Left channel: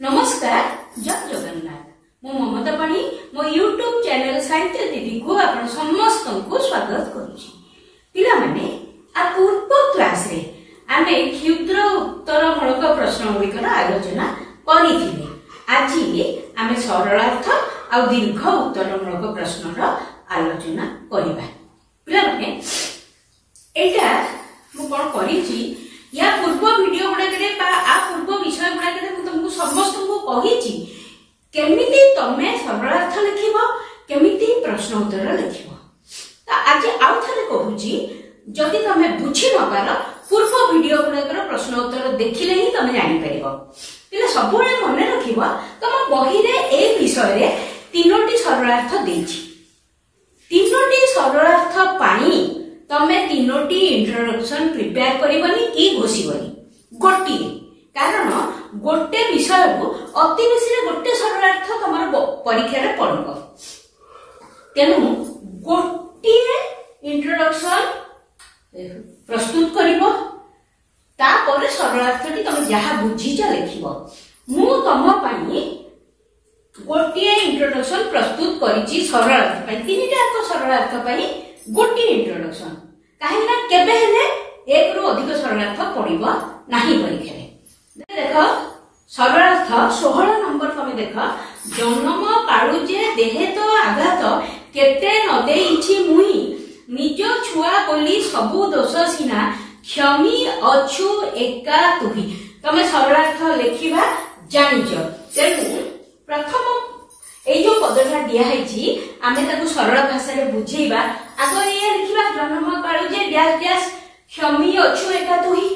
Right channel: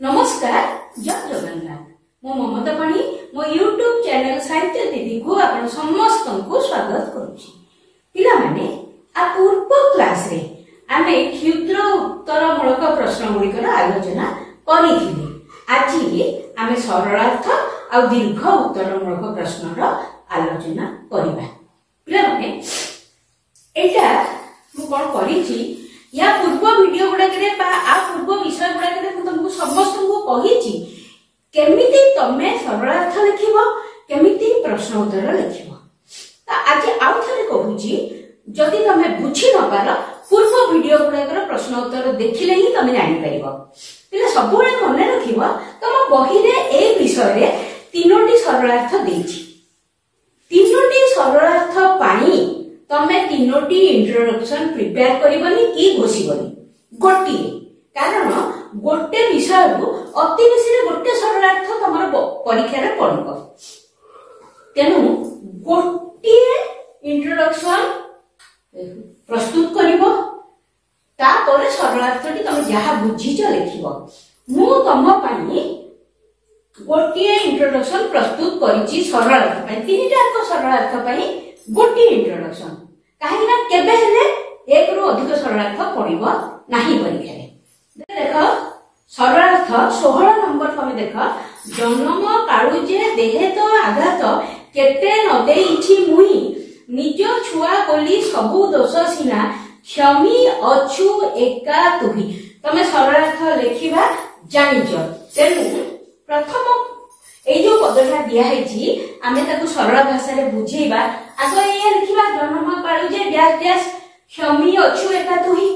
नमस्कार जय जगन्नाथ मो ममता पाणी मो यूट्यूब चैनल साहित्य दीदी को आपण समस्त को स्वागत करूची। पिला माने आ पूर्व क्लास रे आमे क्षुद्र उत्तर मूलक प्रश्न गुड़िकर आलोचना करिथिले। आज आमे सरलार्थ आ दीर्घ उत्तर मूलक प्रश्न आलोचना करिबा। पिला माने एटा मु कोन करिछि या पूर्व वीडियो गुड़ाकरे आ पूर्व विषय गुड़ाकरे मु तुमको समस्त को कहिछि केमिति तमे सरलार्थ लिखिबो केमिति प्रश्न उत्तर लिखिबो। त आज आउ थरे कहूछि जदि तमे बुझी न पार पूर्व वीडियो गुड़ाकर प्रश्न उत्तर देखिले ही तमे जानि परिबो। पिला सबुळे मने रखिबो तम बही रे ए विषय रे तीनोटी सरलार्थ देछि। तीनोटी सरलार्थ पानी तमे तीनोटी इंट्रोडक्शन प्रिपेयर करिबनी कि घोषिबनी गोटी कारण गोटे विषय को अति बेसी गोटे सरलार्थ तमर परीक्षा रे पड़िबो। तेनु गोटी इंट्रोडक्शन प्रस्तुत करिबो तापर सरलार्थटी तमे जहा बुझिच लिखिबो। मु तम पई गोटी इंट्रोडक्शन प्रस्तुत करिछि सरलार्थ पई तीनटा सरलार्थ पई गोटी इंट्रोडक्शन कहीं ना केबे हेले एक रु अधिक सरलार्थ पड़िबो नाही परीक्षा रे। देखो सरलार्थ 16 नंबर तमे देखो जन्म काळुजे देहे तो आघात केते न देइछि मुई निज छुआ बोली सबु दोष सिना क्षमी अछु एका तुही। तमे सरलार्थ लेखिबा जानिचो तेनु प्रथम ए जो पदटा दिया है आमे ताकू सरल भाषा रे बुझेबा। आगे ये लिखिबा जन्म काळुजे डैश डैश क्षमी अछु एका तुही।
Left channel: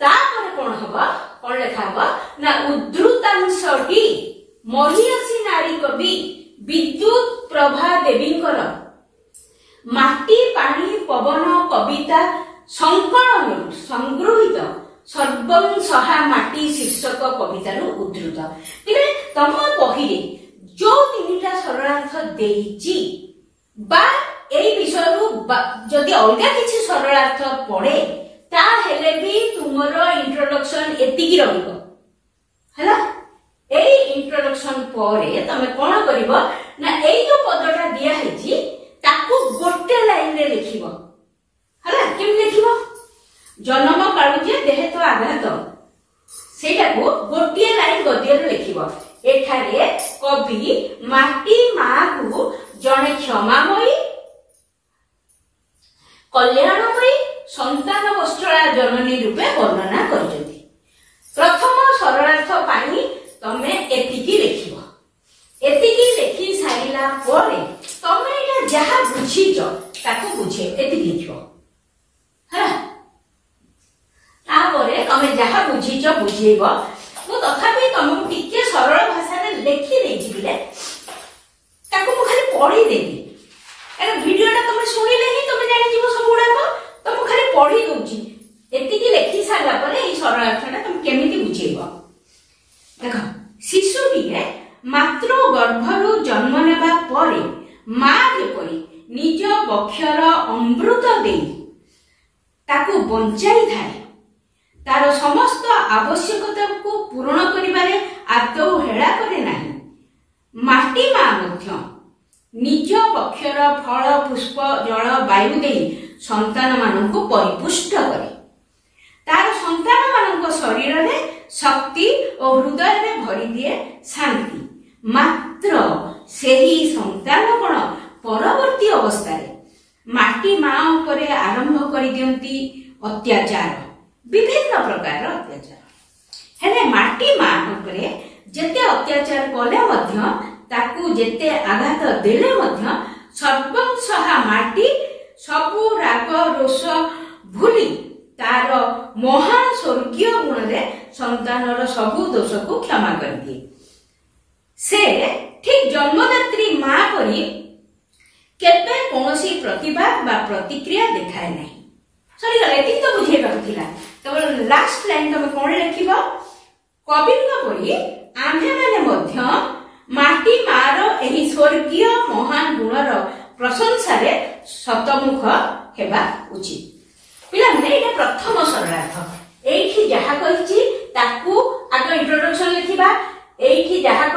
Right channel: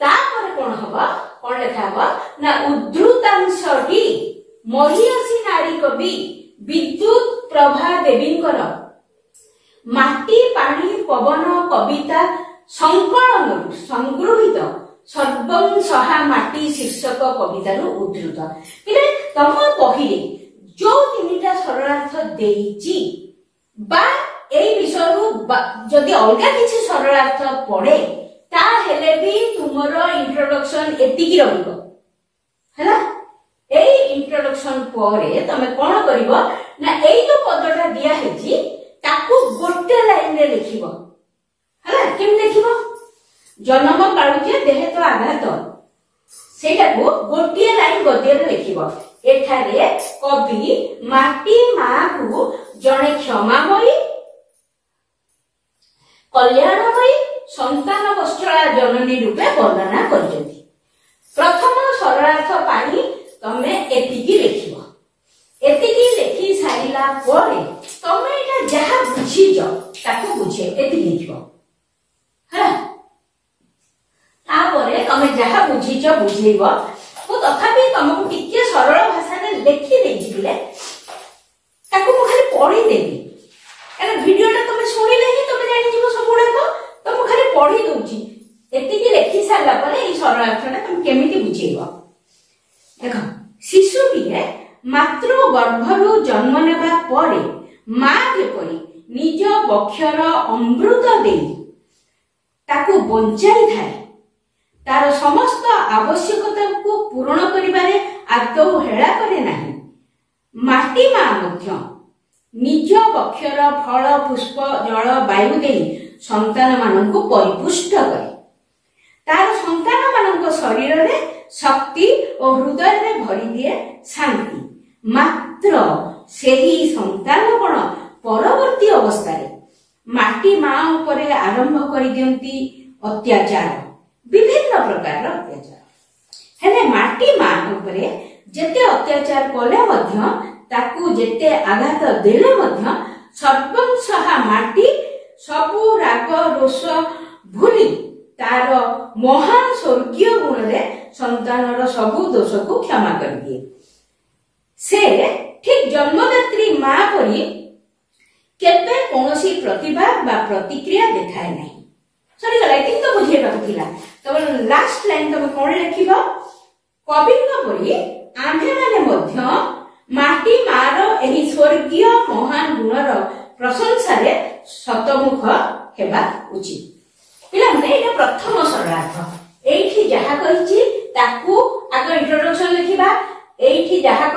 तापर कोन हबा कोन लेखा हबा ना उद्धृतांशटी मरियासी नारी कवि विद्युत प्रभा देवींकर माटी पानी पवन कविता संकलन संग्रहित सर्वं सहा माटी शीर्षक कवितार उद्धृत। पिले तम बही जो तीनटा सरलार्थ देइछि बा एई विषय जदि अलगा किछि सरलार्थ पड़े ता हेले भी तुमर इंट्रोडक्शन एतिकी रहइबो हला। एई इंट्रोडक्शन परे तमे कोन करिवो ना एई जो पदटा दिया हेछि ताकू गोटे लाइन रे लिखिबो हला। केम लिखिबो जन्म काळुजे देहे तो आघात सेटा को गोटे लाइन गद्य रे लिखिबो। एठारे कवि माटी मां को जणे क्षमामयी कल्याणमयी संतान वत्सला जननी रूपे वर्णना करजती। प्रथम सरलार्थ पानी तमे एतिकी लिखिबो। एतिकी लिखि सारिला परे तमे एटा जहा बुझिजो ताको बुझे एतिकी लिखिबो हा। तापरे तमे जहा बुझिजो बुझेइबो। मु तथापि तमको टिके सरल भाषा रे लिखि देइछि बिले ताको मु खाली पढि देबी कारण वीडियोटा तमे सुनिले ही तमे जानि जिवो सबुडा को तम खाली पढि दोछि। एतिकी लिखि सारला परे ई सरल अर्थटा तम केमिति बुझेइबो। देखो शिशुटिए मात्र गर्भरु जन्म नेबा परे मां जेपरि निज बक्षर अमृत देई ताकू बंचाई थाए तार समस्त आवश्यकता को पूर्ण करिबारे आदौ हेळा करे नाही। माटी मां मध्य निज बक्षर फल पुष्प जल वायु देई संतान माननको परिपुष्ट करे। तार संतान माननको शरीर रे शक्ति और हृदय रे भरी दिए शांति। मात्र सेही संतान कोन परवर्ती अवस्था रे माटी मां उपरे आरंभ करि दियंती अत्याचार विभिन्न प्रकार अत्याचार हेले माटी मां उपरे जेते अत्याचार कले मध्य ताकू जेते आघात देले मध्य सर्वं सहा माटी सबु राग रोष भूली तार महान स्वर्गीय गुण रे संतानर सबु दोष को क्षमा कर दिए। से ठीक जन्मदात्री मां परी केते कोनोसी प्रतिभा बा प्रतिक्रिया देखाय नाही। सरी गला एति तो बुझे पाथिला। तब लास्ट लाइन तमे कोन लिखिबो कविଙ୍କ परी आम्हे माने मध्य माटी मार एही स्वर्गीय महान गुणर प्रशंसा रे शतमुख हेबा उचित। पिला माने एटा प्रथम सरलार्थ एठी जहा कहिछि ताकू आगे इंट्रोडक्शन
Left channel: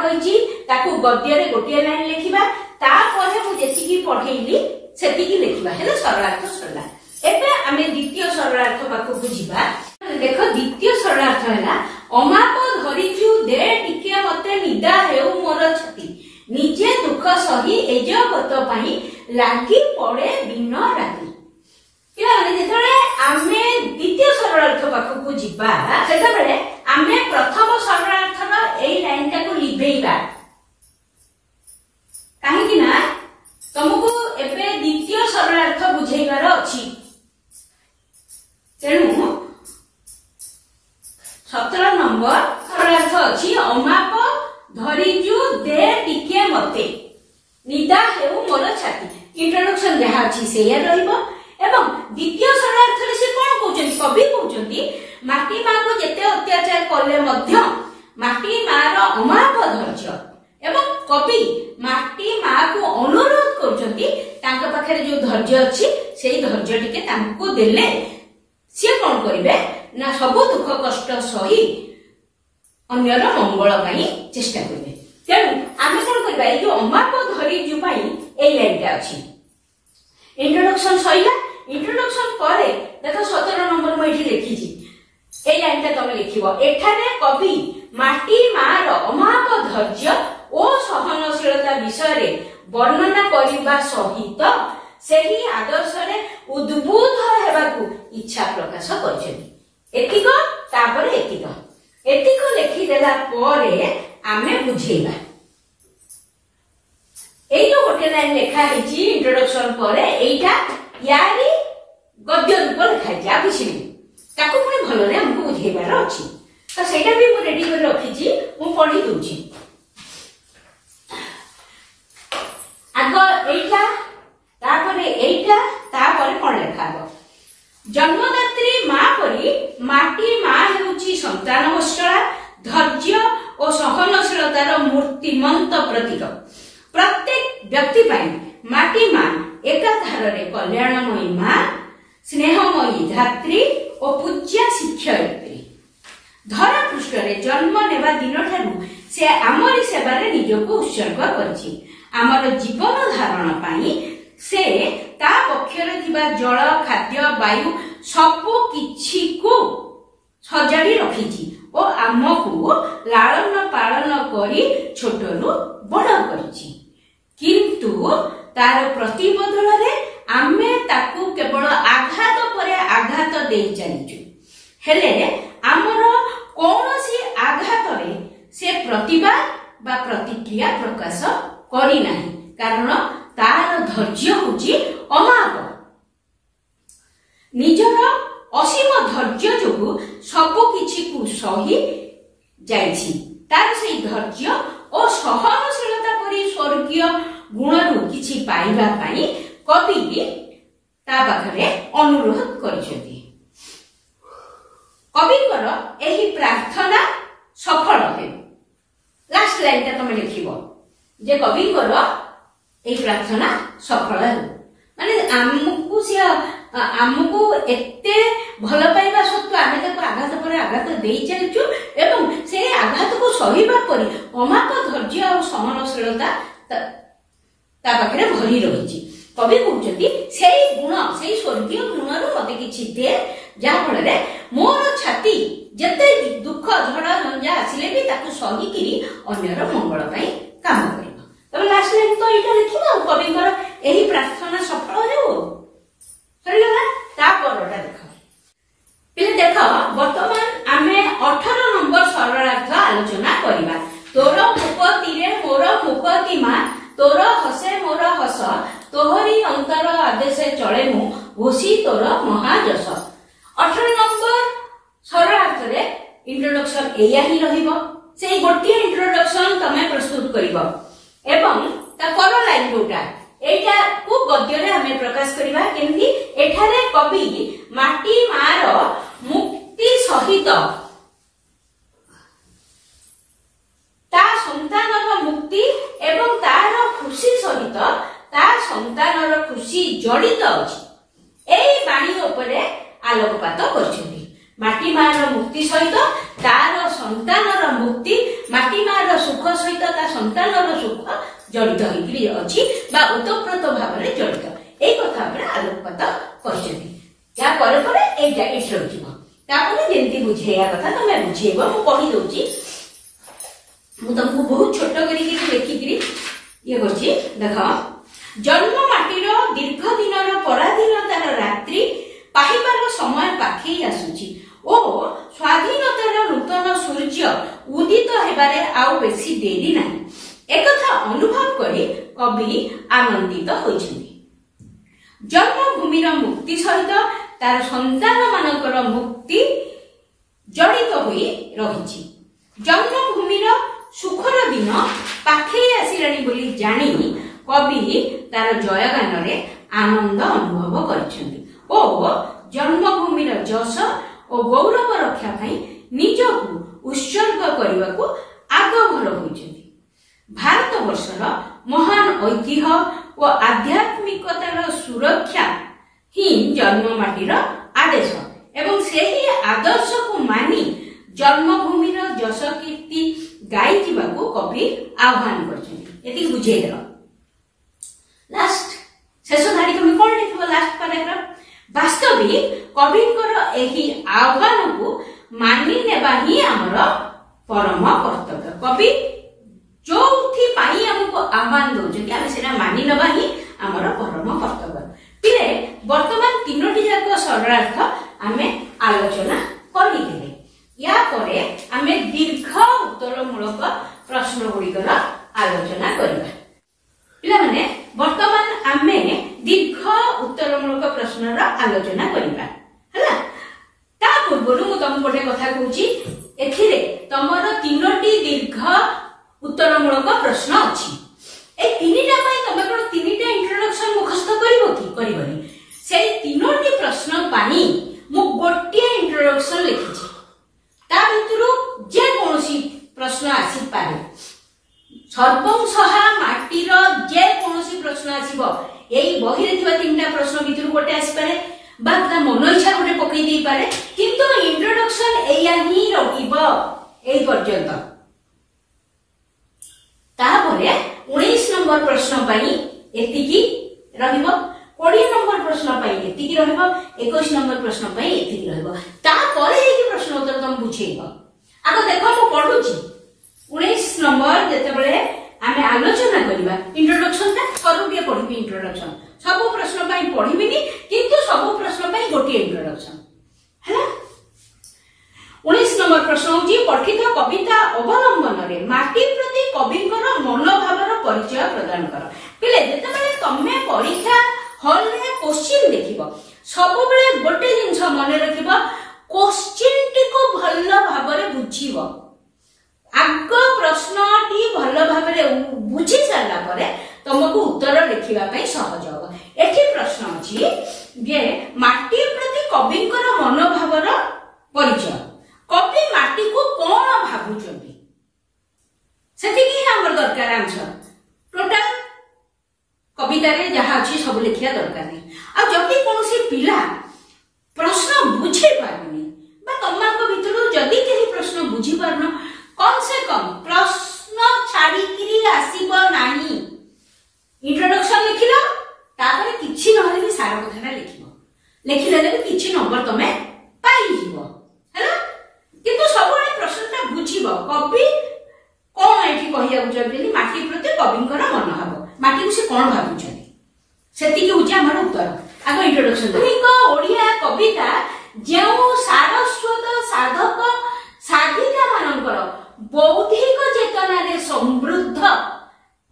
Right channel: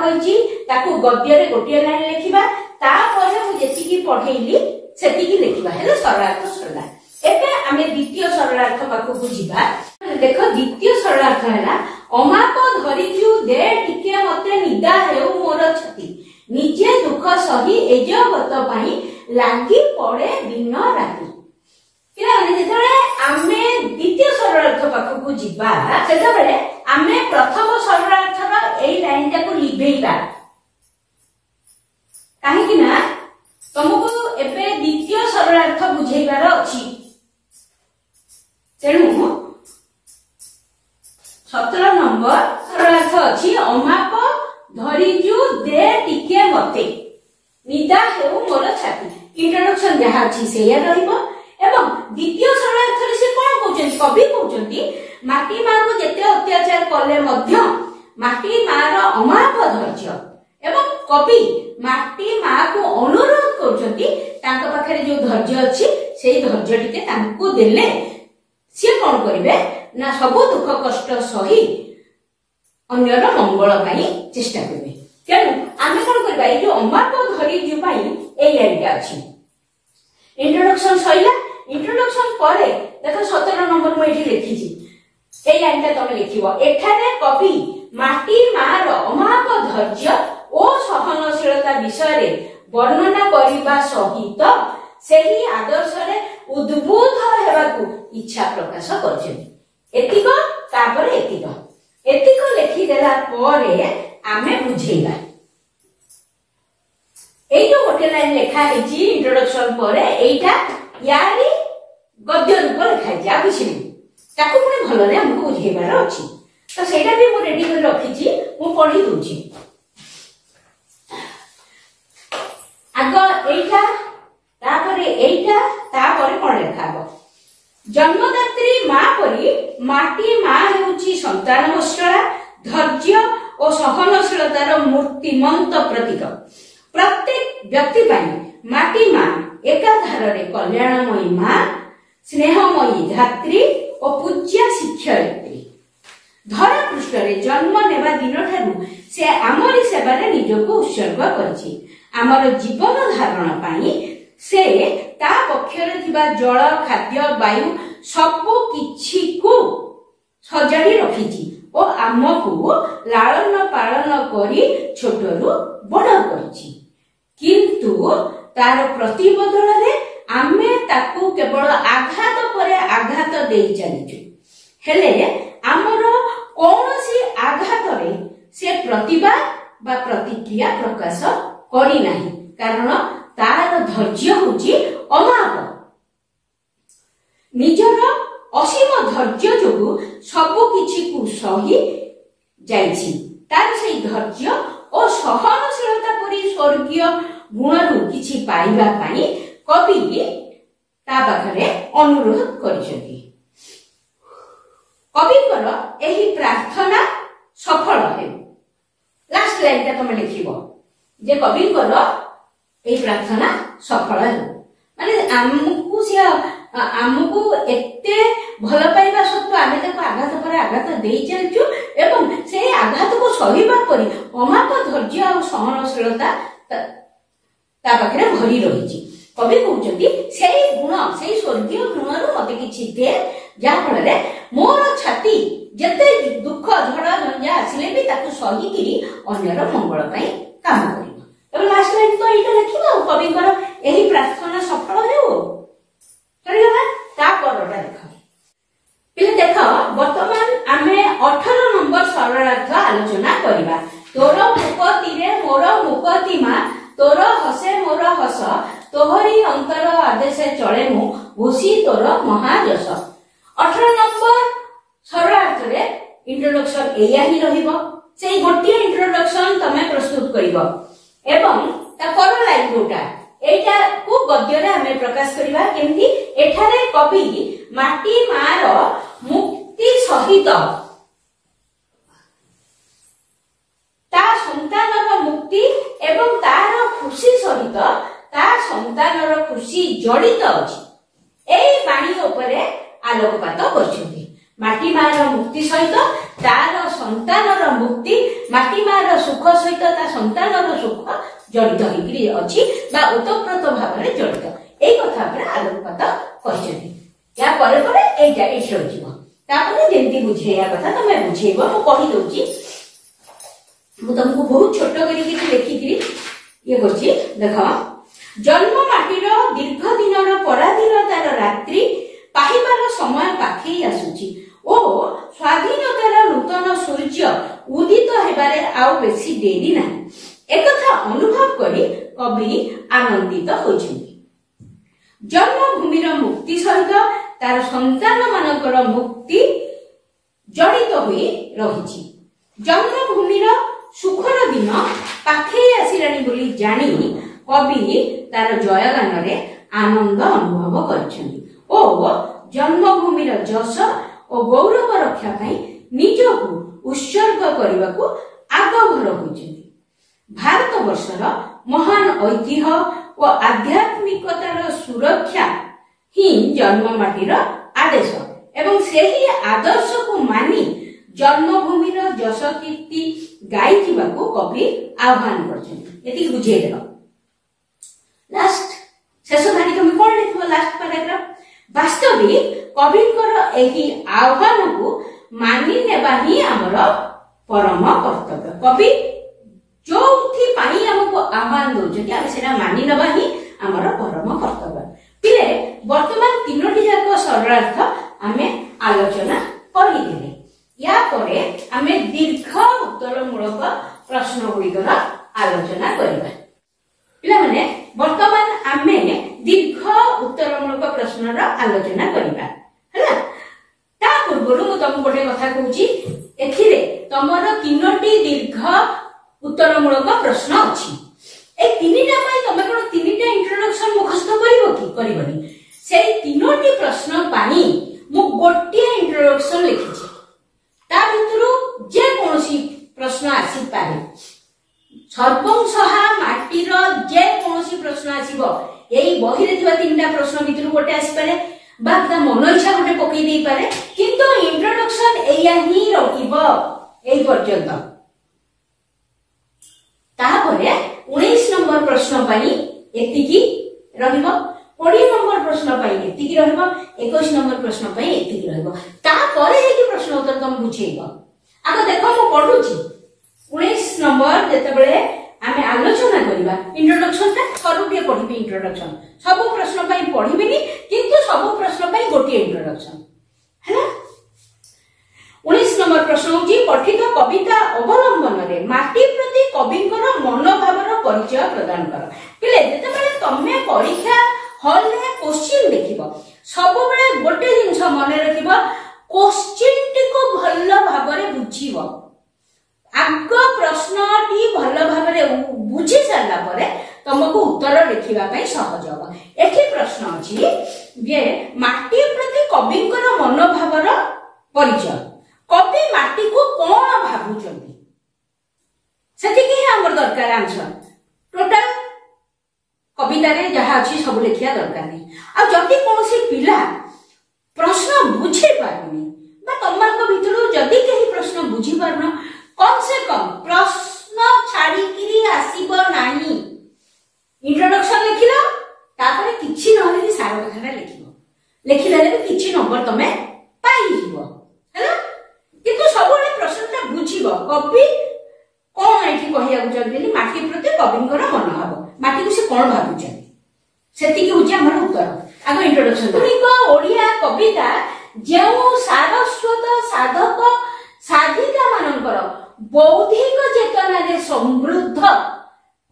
କହିଛି ତାକୁ ଗଦ୍ୟରେ ଗୋଟିଏ ଲାଇନ ଲେଖିବା, ତାପରେ ମୁଁ ଯେତିକି ପଢେଇଲି ସେତିକି ଲେଖିବା, ହେଲେ ସରଳାର୍ଥ ସରିଲା। ଏବେ ଆମେ ଦ୍ୱିତୀୟ ସରଳାର୍ଥ ପାଖକୁ ଯିବା। ଦେଖ ଦ୍ୱିତୀୟ ସରଳାର୍ଥ ହେଲା ଅମାପ ଧରିଛୁ ଦେ ଟିକେ ମତେ ନିଦା ହେଉ ମୋର ଛାତି, ନିଜେ ଦୁଃଖ ସହି ଏଜଗତ ପାଇଁ ଲାଗି ପଡେ ଦିନ ରାତି। ପିଲାମାନେ ଯେତେବେଳେ ଆମେ ଦ୍ୱିତୀୟ ସରଳାର୍ଥ ପାଖକୁ ଯିବା ସେତେବେଳେ ଆମେ ପ୍ରଥମ ସରଳାର୍ଥର ଏଇ ଲାଇନ ଟାକୁ ଲିଭେଇବା, କାହିଁକି ନା ତମକୁ ଏବେ ଦ୍ୱିତୀୟ ସରଳାର୍ଥ ବୁଝେଇବାର ଅଛି। ତେଣୁ 17 ନମ୍ବର ସରଳାର୍ଥ ଅଛି ଅମାପ ଧରିଛୁ ଦେ ଟିକେ ମତେ ନିଦା ହେଉ ମୋର ଛାତି। ଇଣ୍ଟ୍ରୋଡକ୍ସନ ଯାହା ଅଛି ସେଇଆ ରହିବ। ଏବଂ ଦ୍ୱିତୀୟ ସରଳାର୍ଥରେ ସେ କଣ କହୁଛନ୍ତି, କବି କହୁଛନ୍ତି ମାଟି ମାକୁ ଯେତେ ଅତ୍ୟାଚାର କଲେ ମଧ୍ୟ ମାଟି ମାର ଅମାପ ଧୈର୍ଯ୍ୟ, ଏବଂ କବି ମାଟି ମାକୁ ଅନୁରୋଧ କରୁଛନ୍ତି ତାଙ୍କ ପାଖରେ ଯୋଉ ଧୈର୍ଯ୍ୟ ଅଛି ସେଇ ଧୈର୍ଯ୍ୟ ଟିକେ ତାଙ୍କୁ ଦେଲେ ସିଏ କଣ କରିବେ ନା ସବୁ ଦୁଃଖ କଷ୍ଟ ସହି ଅନ୍ୟର ମଙ୍ଗଳ ପାଇଁ ଚେଷ୍ଟା କରିବେ। ତେଣୁ ଆମେ କଣ କରିବା, ଏଇ ଯୋଉ ଅମାପ ଧୈର୍ଯ୍ୟ ପାଇଁ ଏଇ ଲାଇନଟା ଅଛି। ଇଣ୍ଟ୍ରୋଡକ୍ସନ ସରିଲା। ଇଣ୍ଟ୍ରୋଡକ୍ସନ ପରେ ଦେଖ 17 ନମ୍ବର ମୁଁ ଏଠି ଲେଖିଛି, ଏଇ ଲାଇନଟା ତମେ ଲେଖିବ। ଏଠାରେ କବି ମାଟି ମାର ଅମାପ ଧୈର୍ଯ୍ୟ ଓ ସହନଶୀଳତା ବିଷୟରେ ବର୍ଣ୍ଣନା କରିବା ସହିତ ସେହି ଆଦର୍ଶରେ ଉଦ୍ବୁଦ୍ଧ ହେବାକୁ ଇଚ୍ଛା ପ୍ରକାଶ କରିଛନ୍ତି। ଏତିକ, ତାପରେ ଏତିକ ଲେଖିଦେଲା ପରେ ଆମେ ବୁଝେଇବା। ଏଇଟା ଗୋଟେ ଲାଇନ ଲେଖା ହେଇଛି ଇଣ୍ଟ୍ରୋଡକ୍ସନ ପରେ, ଏଇଟା ୟାରି ଗଦ୍ୟ ରୂପ ଲେଖା ହେଇଛି। ଆଉ କିଛି ନାହିଁ, ତାକୁ ପୁଣି ଭଲରେ ଆମକୁ ବୁଝେଇବାର ଅଛି। ତ ସେଇଟା ବି ମୁଁ ରେଡି କରି ରଖିଛି, ମୁଁ ପଢି ଦଉଛି। ଆଗ ଏଇଟା, ତାପରେ ଏଇଟା, ତାପରେ କଣ ଲେଖା ହବ, ଜନ୍ମଦାତ୍ରୀ ମା ପରି ମାଟି ମା ହେଉଛି ସନ୍ତାନ ବତ୍ସଳା, ଧୈର୍ଯ୍ୟ ଓ ସହନଶୀଳତାର ମୂର୍ତ୍ତିମନ୍ତ ପ୍ରତୀକ। ପ୍ରତ୍ୟେକ ବ୍ୟକ୍ତି ପାଇଁ ମାଟି ମା ଏକାଧାରରେ କଲ୍ୟାଣମୟୀ ମା, ସ୍ନେହମୟୀ ଧାତ୍ରୀ ଓ ପୂଜ୍ୟା ଶିକ୍ଷୟିତ୍ରୀ। ଧରା ପୃଷ୍ଠରେ ଜନ୍ମ ନେବା ଦିନଠାରୁ ସେ ଆମରି ସେବାରେ ନିଜକୁ ଉତ୍ସର୍ଗ କରିଛି। ଆମର ଜୀବନ ଧାରଣ ପାଇଁ ସେ ତା ପକ୍ଷରେ ଥିବା ଜଳ, ଖାଦ୍ୟ, ବାୟୁ ସବୁ କିଛିକୁ ସଜାଡି ରଖିଛି ଓ ଆମକୁ ଲାଳନ ପାଳନ କରି ଛୋଟରୁ ବଡ କରିଛି। କିନ୍ତୁ ତାର ପ୍ରତିବଦଳରେ ଆମେ ତାକୁ କେବଳ ଆଘାତ ପରେ ଆଘାତ ଦେଇ ଚାଲିଛୁ। ହେଲେ ଆମର କୌଣସି ଆଘାତରେ ସେ ପ୍ରତିବାଦ ବା ପ୍ରତିକ୍ରିୟା ପ୍ରକାଶ କରିନାହିଁ, କାରଣ ତାର ଧୈର୍ଯ୍ୟ ହେଉଛି ଅମାପ। ନିଜର ଅସୀମ ଧୈର୍ଯ୍ୟ ଯୋଗୁଁ ସବୁ କିଛିକୁ ସହି ଯାଇଛି। ତାର ସେଇ ଧୈର୍ଯ୍ୟ ଓ ସହନଶୀଳତା ପରି ସ୍ୱର୍ଗୀୟ ଗୁଣରୁ କିଛି ପାଇବା ପାଇଁ କବି ତା ପାଖରେ ଅନୁରୋଧ କରିଛନ୍ତି। କବିଙ୍କର ଏହି ପ୍ରାର୍ଥନା ସଫଳ ହେଉ। ଲାଷ୍ଟ ଲାଇନଟା ତମେ ଲେଖିବ ଯେ କବିଙ୍କର ଏହି ପ୍ରାର୍ଥନା ସଫଳ ହେଉ, ମାନେ ଆମକୁ ଏତେ ଭଲ ପାଇବା ସତ୍ତ୍ୱେ ଆମେ ତାକୁ ଆଘାତ ପରେ ଆଘାତ ଦେଇ ଚାଲିଛୁ ଏବଂ ସେଇ ଆଘାତକୁ ସହିବା ପରି ଅମାପ ଧୈର୍ଯ୍ୟ ଆଉ ସହନଶୀଳତା ତା ପାଖରେ ଭରି ରହିଛି। କବି କହୁଛନ୍ତି ସେଇ ଗୁଣ, ସେଇ ସ୍ୱର୍ଗୀୟ ଗୁଣରୁ ମତେ କିଛି ଦେ, ଯାହା ଫଳରେ ମୋର ଛାତି ଯେତେ ଦୁଃଖ ଝଡ଼ ଝଞ୍ଜା ଆସିଲେ ବି ତାକୁ ସହିକିରି ଅନ୍ୟର ମଙ୍ଗଳ ପାଇଁ କାମ କରିବ। ତବେ ଲାଷ୍ଟ ଲାଇନ ତ ଏଇଟା ଲେଖିବା ଆଉ କବିଙ୍କର ଏହି ପ୍ରାର୍ଥନା ସଫଳ ହେଉ। ସରିଗଲା। ତା ପରଟା ଦେଖ ପିଲେ, ଦେଖ ବର୍ତ୍ତମାନ ଆମେ 18 ନମ୍ବର ସରଳାର୍ଥ ଆଲୋଚନା କରିବା। ତୋର ମୁକତିରେ ମୋର ମୁକତି ମା, ତୋର ହସେ ମୋର ହସ, ତୋହରି ଅନ୍ତର ଆଦେଶେ ଚଳେ ମୁଁ, ଘୋଷି ତୋର ମହାଯଶ। 18 ନମ୍ବର ସରଳାର୍ଥରେ ଇଣ୍ଟ୍ରୋଡକ୍ସନ ଏଇଆ ହିଁ ରହିବ। ସେଇ ଗୋଟିଏ ଇଣ୍ଟ୍ରୋଡକ୍ସନ ତମେ ପ୍ରସ୍ତୁତ କରିବ ଏବଂ ତା ପର ଲାଇନ ଯୋଉଟା এইটাକୁ ଗଦ୍ୟରେ ଆମେ ପ୍ରକାଶ କରିବା କେମିତି। ଏଠାରେ କବି ମାଟି ମାର ମୁକ୍ତି ସହିତ ତା ସନ୍ତାନର ମୁକ୍ତି ଏବଂ ତାର ଖୁସି ସହିତ ତା ସନ୍ତାନର ଖୁସି ଜଡ଼ିତ ଅଛି, ଏଇ ବାଣୀ ଉପରେ ଆଲୋକପାତ କରିଛନ୍ତି। ମାଟି ମାର ମୁକ୍ତି ସହିତ तार संतानर मुक्ति माटी मार सुख सहित ता संतानर सुख जड़ित होइकरी अछि बा ओतप्रोत भाबरे जड़ित एई कथा पर आलोकपात करछथि या परे परे एटा एठो जिवो तापरे जेंति बुझेया कथा तमे बुझेबो मु कहि दोची मु तुमको बहुत छोट करिकि लिखिकरी ये करछि देखो जन्म माटीर दीर्घ दिनर पराधीनतार रात्रि पाहिबार समय पाखी आसुछि ओ स्वाधीनतार नूतन सूर्य उदित हेबारे आउ बेसी देरी नाही एकथा अनुभव करी कवि आनंदित होइछन्ति जन्मभूमिर मुक्ति सहित तार संतान मानकर मुक्ति जड़ित होई रहिछि जन्मभूमिर सुखर दिन पाखई आसिलानी बोली जानी कवि तार जयगान रे आनंद अनुभव करछन्ति ओ जन्मभूमिर जस और गौरव रक्षा पाई निजकु उत्सर्ग करबाकू आगभर होइछन्ति भारत वर्षर महान ऐतिह्य और आध्यात्मिकतार सुरक्षा ही जन्म माटीर आदेश एवं सेही आदर्श को मानी जन्मभूमिर जस कीर्ति गाई जीवाकू कवि आह्वान करछन्ति एति बुझे देलो लास्ट शेष धारी तुम कोन लिखबो लास्ट पैराग्राफ वास्तविक कविंकर एही आह्वान को मानि नेबा ही हमर परम कर्तव्य कवि जोथि पाई हमको आह्वान दोजति आमे सेना मानि नेबा ही हमर परम कर्तव्य पिले वर्तमान तीनोटी जाक सरलार्थ आमे आलोचना करि देले या परे आमे दीर्घ उत्तरमूलक प्रश्न गुड़िकर आलोचना करिबा पिला माने वर्तमान आमे दीर्घ उत्तरमूलक प्रश्नर आलोचना करिबा हला ता पूर्वरु मु तुम गोटे कथा कहूची एथिरे तमर तीनोटी दीर्घ उत्तरमूलक प्रश्न अछि ए तीनिटा पई तमे कोन तीनिटा इंट्रोडक्शन मुखस्थ करिवो कि करिवनी से तीनोटी प्रश्न पानी मु गोटिया इंट्रोडक्शन लिखिछि ता भितरु जे कोनोसी प्रश्न आसी पारे सर्वं सहा माटीर जे कोनोसी प्रश्न आसीबो एई बहिरे थिबा तीनटा प्रश्न भितरु गोटे आसी पारे बा ता मन इच्छा गोटे पकई देई पारे किंतु इंट्रोडक्शन एया ही रहिबो एई पर्यंत तापरे 19 नंबर प्रश्न पई एतिकी रहिबो 20 नंबर प्रश्न पई एतिकी रहिबो 21 नंबर प्रश्न पई एतिकी रहिबो तापरे एई प्रश्न उत्तर तुम बुझेइबो आगो देखो मु पढुची 19 नंबर जेते बेले आमे आलोचना करिबा इंट्रोडक्शन ता करूबे पढिबी इंट्रोडक्शन सब प्रश्न पई पढिबिनी किंतु सब प्रश्न पई गोटी इंट्रोडक्शन हैला 19 नंबर प्रश्न होची पठित कविता अवलंबन रे माटी प्रति कविकर मनोभावर परिचय प्रदान कर पिले जेते बेले तमे परीक्षा हॉल रे क्वेश्चन देखिबो सब बेले गोटे जिंस मन रखिबो क्वेश्चन टिको भल्लो भाबरे बुझिबो आग प्रश्नटी भल भाबरे बुझी सारा परे तुमको उत्तर लिखिबा पई सहज हो एठी प्रश्न अछि जे माटी प्रति कविकर मनोभावर परिचय कवि माटी को कोन भाबुचंती सेति कि हमर दरकार आंसर टोटल कविता रे जहा अछि सब लिखिया दरकार नै आ जति कोनोसी पिला प्रश्न बुझी पाबनी बा तमनको भितरु जति केही प्रश्न बुझी पारनो कम से कम प्रश्न छाड़ी किरी आसीबो नाही इंट्रोडक्शन लिखिलो तापर किछि नहले भी सारा कथा लिखिबो लिखिले ले किछि नंबर तमे पाई जिवो हैला किंतु सबले प्रश्नटा बुझिबो कवि कोन एठी कहिया बुझाबेली माटी प्रति कविंकर मन हबो माटी को से कोन भाबुचनी सेति कि होची हमर उत्तर आगो इंट्रोडक्शन को ओडिया कविता जेउ सारस्वत साधक साधिका मानकर बौद्धिक चेतना रे समृद्ध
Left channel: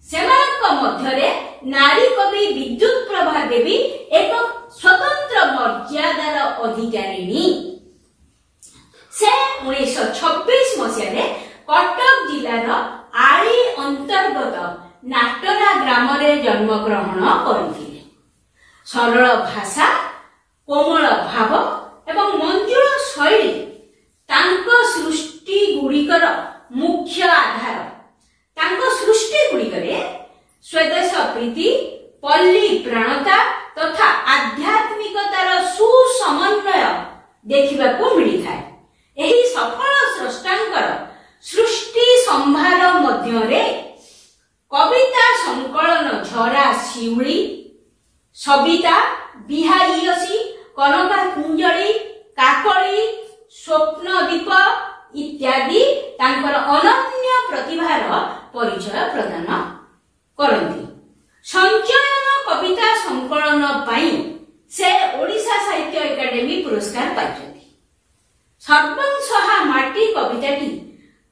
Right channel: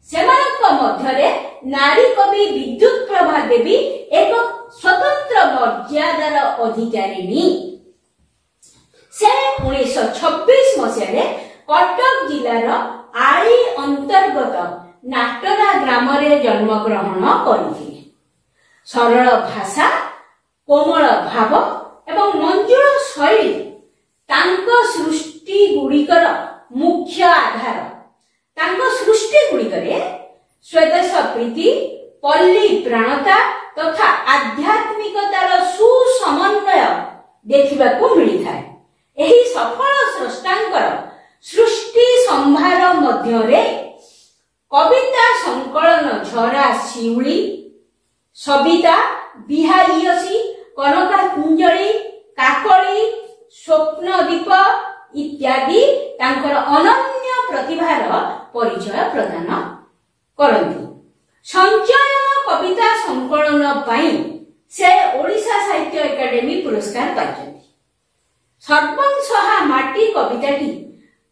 सेमानक मध्यरे नारी कवि विद्युत प्रभा देवी एक स्वतंत्र मर्यादार अधिकारिणी से 1926 मसिया कटक जिलार आली अंतर्गत नाटरा ग्राम रे जन्म ग्रहण करथिले सरल भाषा कोमल भाव एवं मंजुल शैली तांको सृष्टि गुड़िकर मुख्य आधार तांको सृष्टि गुड़िकरे स्वदेश प्रीति पल्ली प्राणता तथा आध्यात्मिकतार सुसमन्वय देखिबाकू मिली थाए ଏହି ସଫଳ ସ୍ରଷ୍ଟାଙ୍କର ସୃଷ୍ଟି ସମ୍ଭାର ମଧ୍ୟରେ କବିତା ସଂକଳନ ଝରା ଶିଉଳି, ସବିତା, ବିହାରୀୟସୀ, କନକା କୁଞ୍ଜଳି, କାକଳି, ସ୍ୱପ୍ନଦୀପ ଇତ୍ୟାଦି ତାଙ୍କର ଅନନ୍ୟ ପ୍ରତିଭାର ପରିଚୟ ପ୍ରଦାନ କରନ୍ତି। ସଞ୍ଚୟନ କବିତା ସଂକଳନ ପାଇଁ ସେ ଓଡ଼ିଶା ସାହିତ୍ୟ ଏକାଡେମୀ ପୁରସ୍କାର ପାଇଛନ୍ତି। ସର୍ବଂସହା ମାଟି କବିତାଟି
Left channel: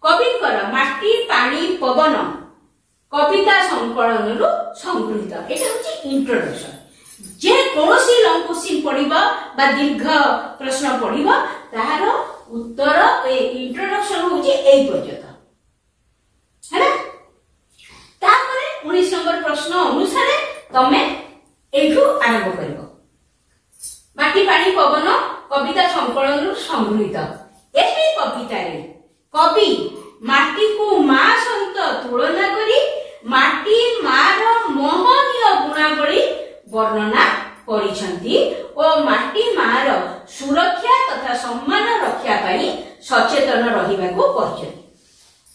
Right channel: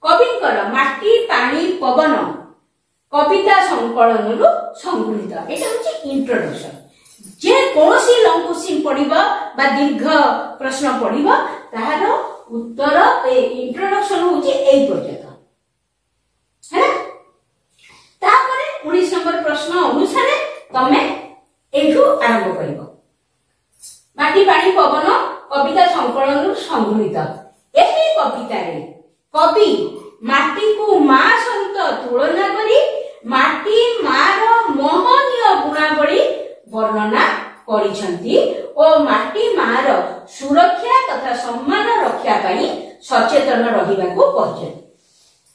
କବିଙ୍କର ମାଟି ପାଣି ପବନ କବିତା ସଂକଳନରୁ ସଂଗୃହୀତ। ଏଇଟା ହଉଛି ଇଣ୍ଟ୍ରୋଡକ୍ସନ। ଯେ କୌଣସି ଲଙ୍ଗ କ୍ୱେଶ୍ଚିନ୍ ପଢିବ ବା ଦୀର୍ଘ ପ୍ରଶ୍ନ ପଢିବ ତାହାର ଉତ୍ତର ଇଣ୍ଟ୍ରୋଡକ୍ସନ ହଉଛି ଏଇ ପର୍ଯ୍ୟନ୍ତ ହେଲା। ତାପରେ 19 ନମ୍ବର ପ୍ରଶ୍ନ ଅନୁସାରେ ତମେ ଏଇଠୁ ଆରମ୍ଭ କରିବ। ମାଟି ପାଣି ପବନ କବିତା ସଂକଳନରୁ ସଂଗୃହୀତ। ଏହି କବିତାରେ କବି ମାଟିକୁ ମା ସହିତ ତୁଳନା କରି ମାଟି ମାର ମହନୀୟ ଗୁଣାବଳୀ ବର୍ଣ୍ଣନା କରିଛନ୍ତି ଓ ମାଟି ମାର ସୁରକ୍ଷା ତଥା ସମ୍ମାନ ରକ୍ଷା ପାଇଁ ସଚେତନ ରହିବାକୁ କହିଛନ୍ତି।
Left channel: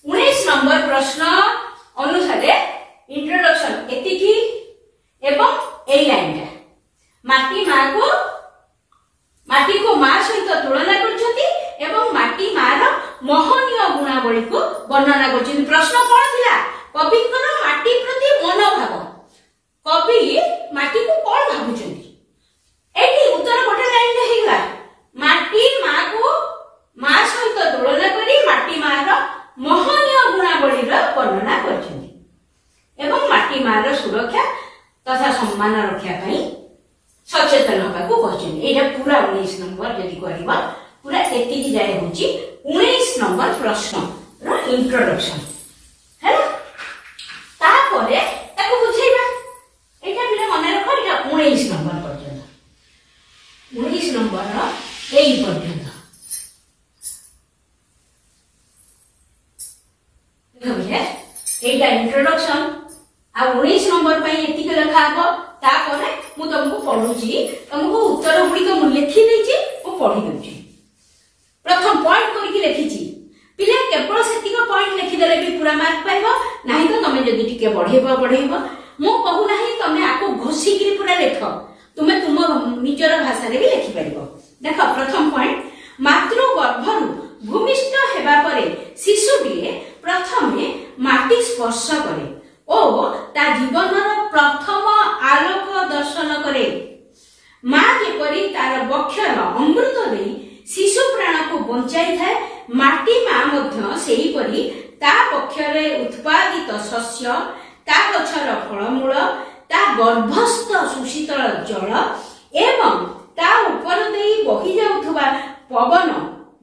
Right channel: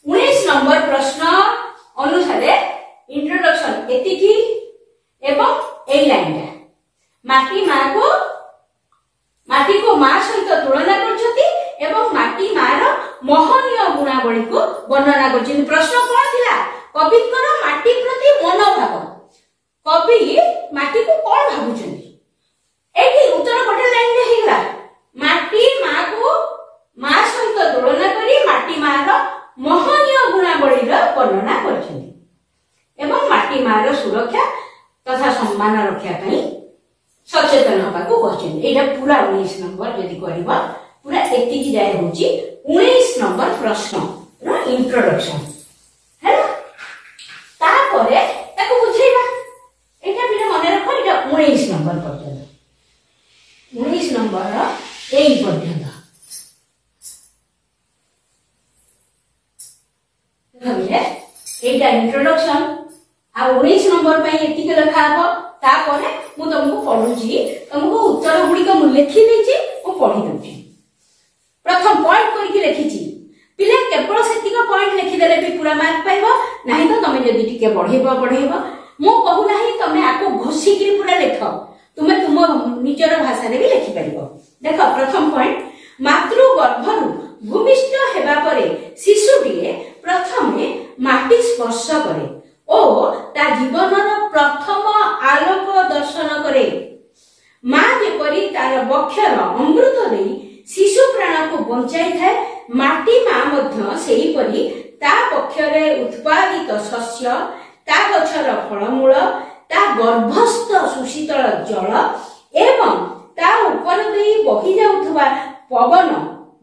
19 ନମ୍ବର ପ୍ରଶ୍ନ ଅନୁସାରେ ଇଣ୍ଟ୍ରୋଡକ୍ସନ ଏତିକି ଏବଂ ଏଇ ଲାଇନଟା ମାଟିକୁ ମା ସହିତ ତୁଳନା କରିଛନ୍ତି ଏବଂ ମାଟି ମାର ମହନୀୟ ଗୁଣାବଳୀକୁ ବର୍ଣ୍ଣନା କରିଛନ୍ତି। ପ୍ରଶ୍ନ କଣ ଥିଲା? କବିଙ୍କର ମାଟି ପ୍ରତି ମନୋଭାବ। କବି ମାଟିକୁ କଣ ଭାବୁଛନ୍ତି? ଏଇଠି ଉତ୍ତର ଗୋଟେ ଲାଇନରେ ହେଇଗଲା। ମାଟି ମାକୁ ମା ସହିତ ତୁଳନା କରି ମାଟି ମାର ମହନୀୟ ଗୁଣାବଳୀର ବର୍ଣ୍ଣନା କରିଛନ୍ତି ଏବଂ ମାଟି ମାର ସୁରକ୍ଷା ତଥା ସମ୍ମାନ ରକ୍ଷା ପାଇଁ ସଚେତନ ହେବାକୁ କହିଛନ୍ତି। ଏଇଟା ପୁରା 19 ନମ୍ବର ଯଦି କରିବ ପୁରା ଏତିକି ଯାଏ ହଉଛି 19 ନମ୍ବର ପ୍ରଶ୍ନର ଇଣ୍ଟ୍ରୋଡକ୍ସନ ହେଲା। ତାପରେ ତାକୁ ବୁଝେଇବା। ଏଇଟା ବି ମନେ ରଖ, ଏଇଟା 19 ନମ୍ବର ପର୍ଯ୍ୟନ୍ତ। 19 ନମ୍ବର ଏଇ ପର୍ଯ୍ୟନ୍ତ এইটা ইন্ট্রোডকশন আর 19 নম্বর পাই এতিকে লেখা হবো। তারপরে মু তোমাকে পড়ুছি, তোমাকে উত্তর গুড়িক মু লিখি দিয়েছি, মু পড়ি দেছি। প্রথম পয়েন্ট করিকি লিখিছি। পিলা কেবল সেতিক পয়েন্ট লিখিদেলে বি পুরা মার্ক পাইব, নাহি তো তুমি যদি টিকে বঢ়াইব। মু কহু নাহি তুমি আকু ঘোষিকি পুরা লেখ, তুমি তুম নিজর ভাষারে বি লিখি পারিব। দেখ প্রথম পয়েন্ট, মাতৃ গর্ভরু ভূমিষ্ঠ হেবা পরে শিশুটিয়ে প্রথমে মাটি স্পর্শ করে ও তা জীবনর প্রথম আলোক দর্শন করে। মা যেপরি তার বক্ষর অমৃত দেই শিশু প্রাণকু বঞ্চাই থাকে, মাটি মা মধ্য সেইপরি তা বক্ষরে উৎপাদিত শস্য, তা গছর ফলমূল, তা গর্ভস্থ সুশীতল জল এবং তা উপর দেই বহি যাউথিবা পবন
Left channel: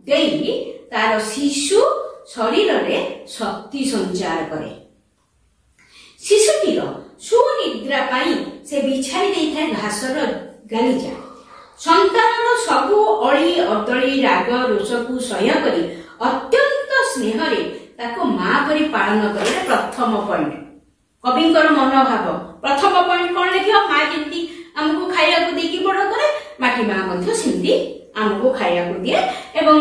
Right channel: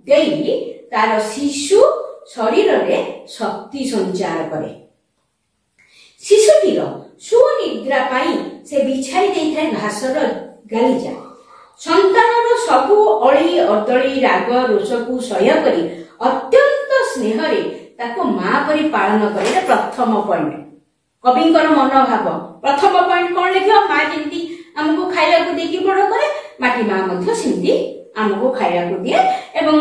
দেই তার শিশু শরীরে শক্তি সঞ্চার করে। শিশুটির সুনিদ্রা পাই সে বিছাই দেইଥାଏ ঘাসର ଗାଲିଚା। ସନ୍ତାନର ସବୁ ଅଳି ଅଦଳି ରାଗ ରୋଷକୁ ସହ୍ୟ କରି ଅତ୍ୟନ୍ତ ସ୍ନେହରେ ତାକୁ ମା ପରି ପାଳନ କରେ। ପ୍ରଥମ ପଏଣ୍ଟ କବିଙ୍କର ମନୋଭାବ। ପ୍ରଥମ ପଏଣ୍ଟ କଣ ଲେଖିବ? ମା ଯେମିତି ଆମକୁ ଖାଇବାକୁ ଦେଇକି ବଡ କରେ, ମାଟି ମା ମଧ୍ୟ ସେମିତି ଆମକୁ ଖାଇବାକୁ ଦିଏ ଏବଂ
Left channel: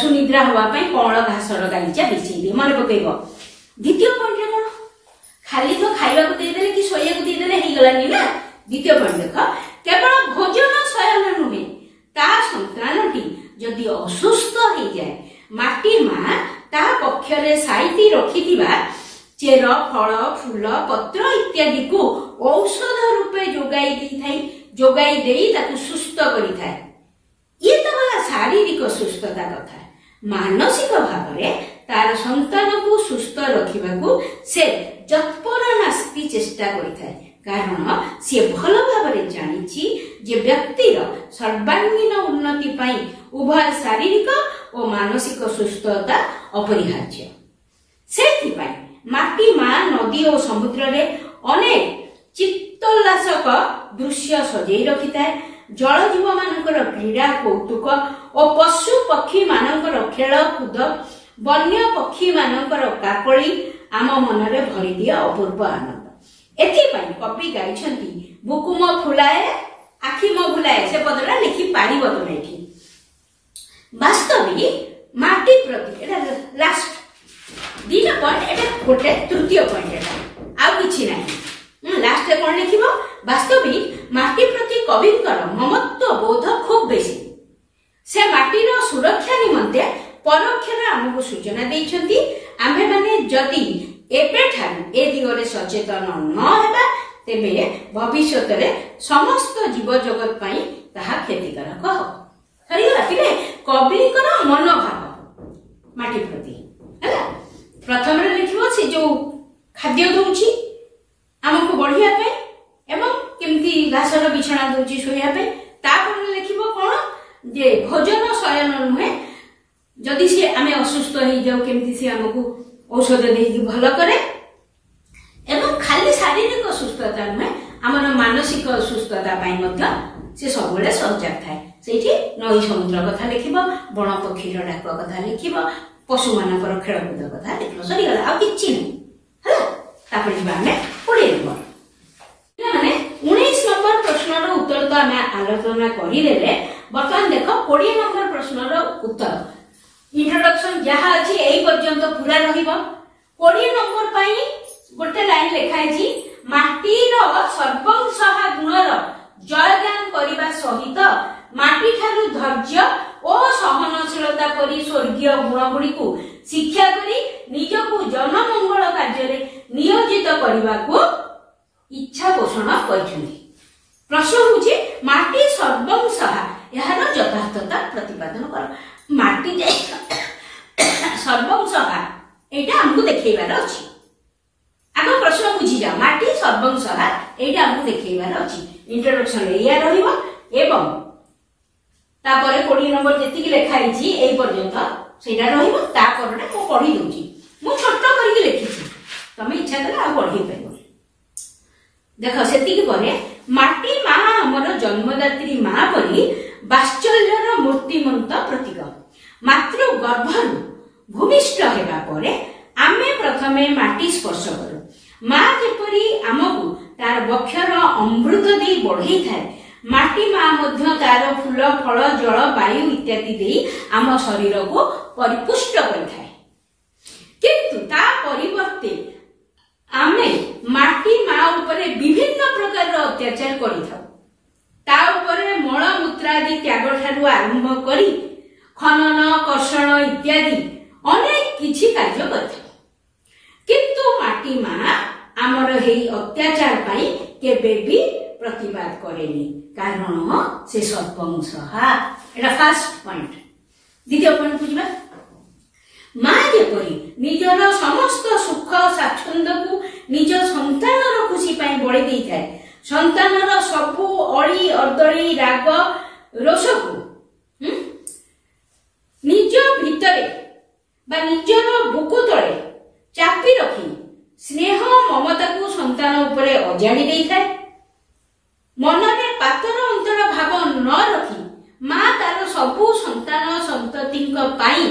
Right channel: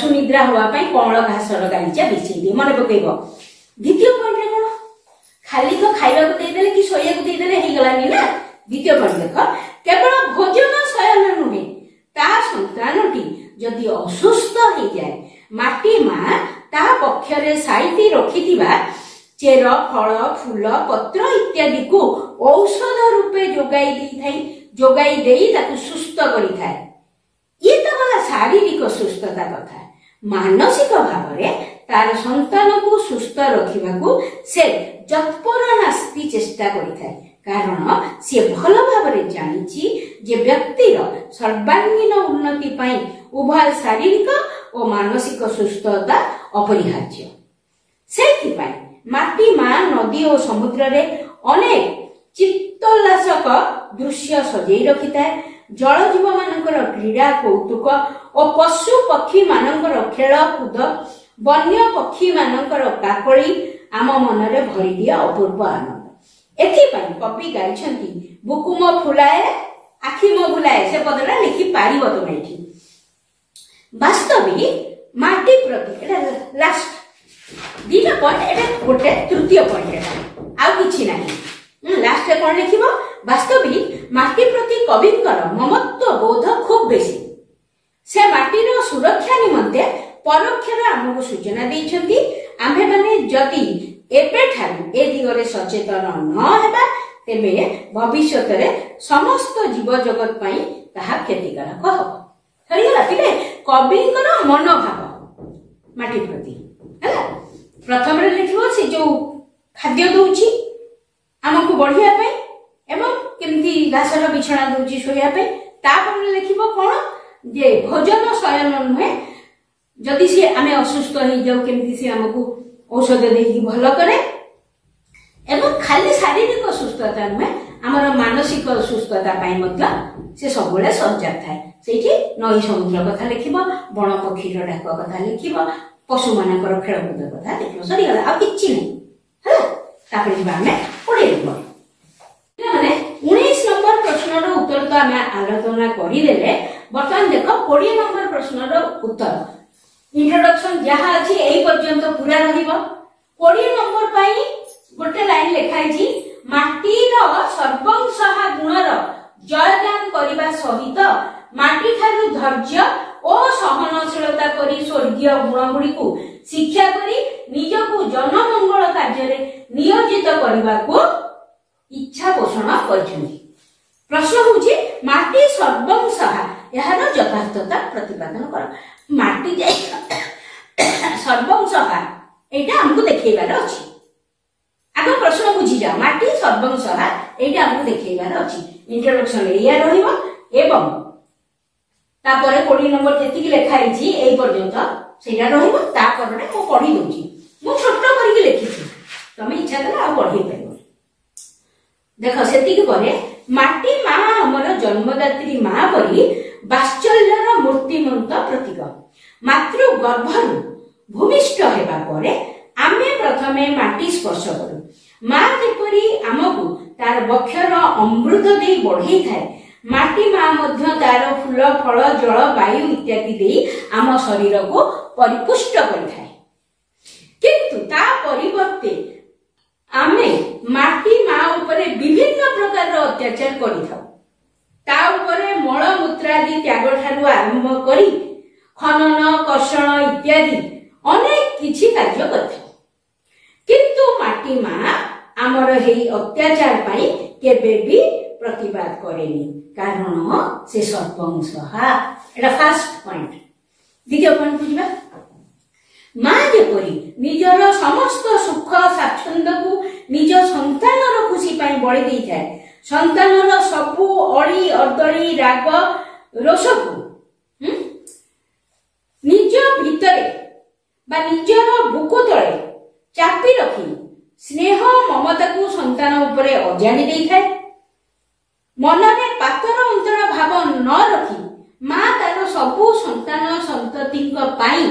ସୁନିଦ୍ରା ହବା ପାଇଁ କଅଁଳ ଘାସର ଗାଲିଚା ବିଛେଇ ଦିଏ। ମନେ ପକେଇବ। ଦ୍ୱିତୀୟ ପଏଣ୍ଟ କଣ? ଖାଲି ତ ଖାଇବାକୁ ଦେଇଦେଲେ କି ଶୋଇବାକୁ ଦେଇଦେଲେ ହେଇଗଲାନି ନା। ଦ୍ୱିତୀୟ ପଏଣ୍ଟ ଦେଖ, କେବଳ ଭୋଜନ ଶୟନ ନୁହେଁ, ତା ସନ୍ତାନଟି ଯଦି ଅସୁସ୍ଥ ହେଇଯାଏ ମାଟି ମା ତା ପକ୍ଷରେ ସାଇତି ରଖିଥିବା ଚେର, ଫଳ, ଫୁଲ, ପତ୍ର ଇତ୍ୟାଦିକୁ ଔଷଧ ରୂପେ ଯୋଗାଇ ଦେଇ ତାକୁ ସୁସ୍ଥ କରିଥାଏ। ଇଏ ତ ଗଲା ଶାରୀରିକ ସୁସ୍ଥତା କଥା। ମାନସିକ ଭାବରେ ତାର ସନ୍ତାନକୁ ସୁସ୍ଥ ରଖିବାକୁ ସେ ଯତ୍ପର ନାସ୍ତି ଚେଷ୍ଟା କରିଥାଏ, କାରଣ ସିଏ ଭଲ ଭାବରେ ଜାଣିଛି ଯେ ବ୍ୟକ୍ତିର ସର୍ବାଙ୍ଗୀନ ଉନ୍ନତି ପାଇଁ ଉଭୟ ଶାରୀରିକ ଓ ମାନସିକ ସୁସ୍ଥତା ଅପରିହାର୍ଯ୍ୟ। ସେଥିପାଇଁ ମାଟି ମା ନଦୀ ଓ ସମୁଦ୍ରରେ ଅନେକ ଚିତ୍ତୋଲ୍ଲାସକ ଦୃଶ୍ୟ ସଜେଇ ରଖିଥାଏ। ଜଳଜୀବ ମାନଙ୍କର କ୍ରୀଡ଼ା କୌତୁକ ଓ ପଶୁ ପକ୍ଷୀ ମାନଙ୍କର ଖେଳ କୁଦ, ବନ୍ୟ ପକ୍ଷୀ ମାନଙ୍କର କାକଳି ଆମ ମନରେ ଭରିଦିଏ ଅପୂର୍ବ ଆନନ୍ଦ। ଏଥିପାଇଁ କବି ଗାଇଛନ୍ତି, ବୁକୁ ମୋ ଫୁଲାଏ ଆଖି ମୋ ଭୁଲାଏ। ସେ ପଦଟା ଲେଖି ପାରିବ ତମେ ଏଠି। ବାସ୍ତବିକ माटी प्रति एटा लास्ट दीटा पॉइंट एटा गोटे तृतीय पॉइंट एटा आ किछि नाही लास्ट रे कोन लिखिबो वास्तविक माटी प्रति कविंकर ममत्व बोध खूब बेसी से माटीर सुरक्षा निमंते परोक्षरे हमको सूचना दैछंती आमे माने जदि एबे ठारू ए दिगरे सचेतन न हेबा तेबे भविष्यत रे समस्त जीव जगत पई ताहा क्षतिकारक हो सरीला तिबे कविंकर मनोभाव माटी प्रति हैला प्रथम रे लिखिबो से जो खाद्य दउची हमको बढ़िया पे एवं केमती घासर बिछाना दउची सोया पे तापर लिखिबो कोन जे भोजन शयन नुहे जदि से आमे असुस्थ हो जाऊ केमती से हमको औषध देकी भल करे एवं खाली शारीरिक सुस्थता नुहे आमर मानसिक सुस्थता पाई मध्य से सबुले सजग थाए सेठी नई समुद्र कथा लिखिबो बण पक्षी डाक कथा लिखिबो पशु मानकर खेलकूद कथा लिखिबो सरी गला आ किछि नै हला तापर जिबा हमें 20 नंबर माने 19 नंबर प्रश्न रो उत्तर तो हमें आलोचना करि लेले वर्तमान देखो 20 नंबर प्रश्न रो उत्तर इंट्रोडक्शन जहा अछि एई पर्यंत पूरा रहिबो 20 नंबर पई गोटे लाइन लिखाई छी माटीर सर्वंसहा गुणर जयगान करिबा सहित माटी ठारू धैर्य और सहनशीलता परि स्वर्गीय गुण गुडी को शिक्षा करी निजको जनमंगल कार्य रे नियोजित करबा को इच्छा पोषण करछन्ती प्रश्न होछि माटी सर्वंसहा यार यथार्थता प्रतिपादन कर माटी जे सर्वंसहा एटा हमको देखैबार अछि आगो प्रश्न बुझी जा माटी सर्वंसहा एटा हमको देखैबार अछि इंट्रोडक्शन एया रहिबो एवं तापरे 20 नंबर जेति कि लिखाई छी एई पर्यंत सेटा रहिबो तापरे को पढी दोची मु छोट करिके लिखिछी तमे इच्छा कला आ पढी परिबो देखो सेति कि परे माटी मा हमर जन्मदात्री मा परी वात्सल्यर मूर्तिमंत प्रतीक मातृ गर्भरु भूमिष्ठ हेबा परे आमे प्रथमे माटी स्पर्श करू मा जेपरी आमकु तार बक्षर अमृत देई बढ़ई थाए माटी मा मध्य तार फूल फल जल वायु इत्यादि देई आम शरीर को परिपुष्ट करथाए किंतु ता परिवर्ते आमे माटी मा उपरे विभिन्न प्रकार अत्याचार करिथाउ ता उपरे मल मूत्रादि त्याग ठारू आरंभ करी खनन कर्षण इत्यादि अनेक किछि कार्य करथाउ किंतु माटी मा आमर हेई अत्याचार पाई केबे भी प्रतिवाद करेनी कारण से सर्वंसहा एटा फर्स्ट पॉइंट द्वितीय पॉइंट बुझबा मा जेपरी निजर समस्त सुख स्वाच्छंद को निज संतानर खुशी पाई बळी देई थाए संतानर सबु अळी अर्दळी राग रोष को निज भितरे बा निजर बुकु तळे चापी रखी स्नेह ममता को संतान उपरे अजाणी देई थाए मनने पातर अंतर भाव न रखी मा तार सबु संतान संततिक पाई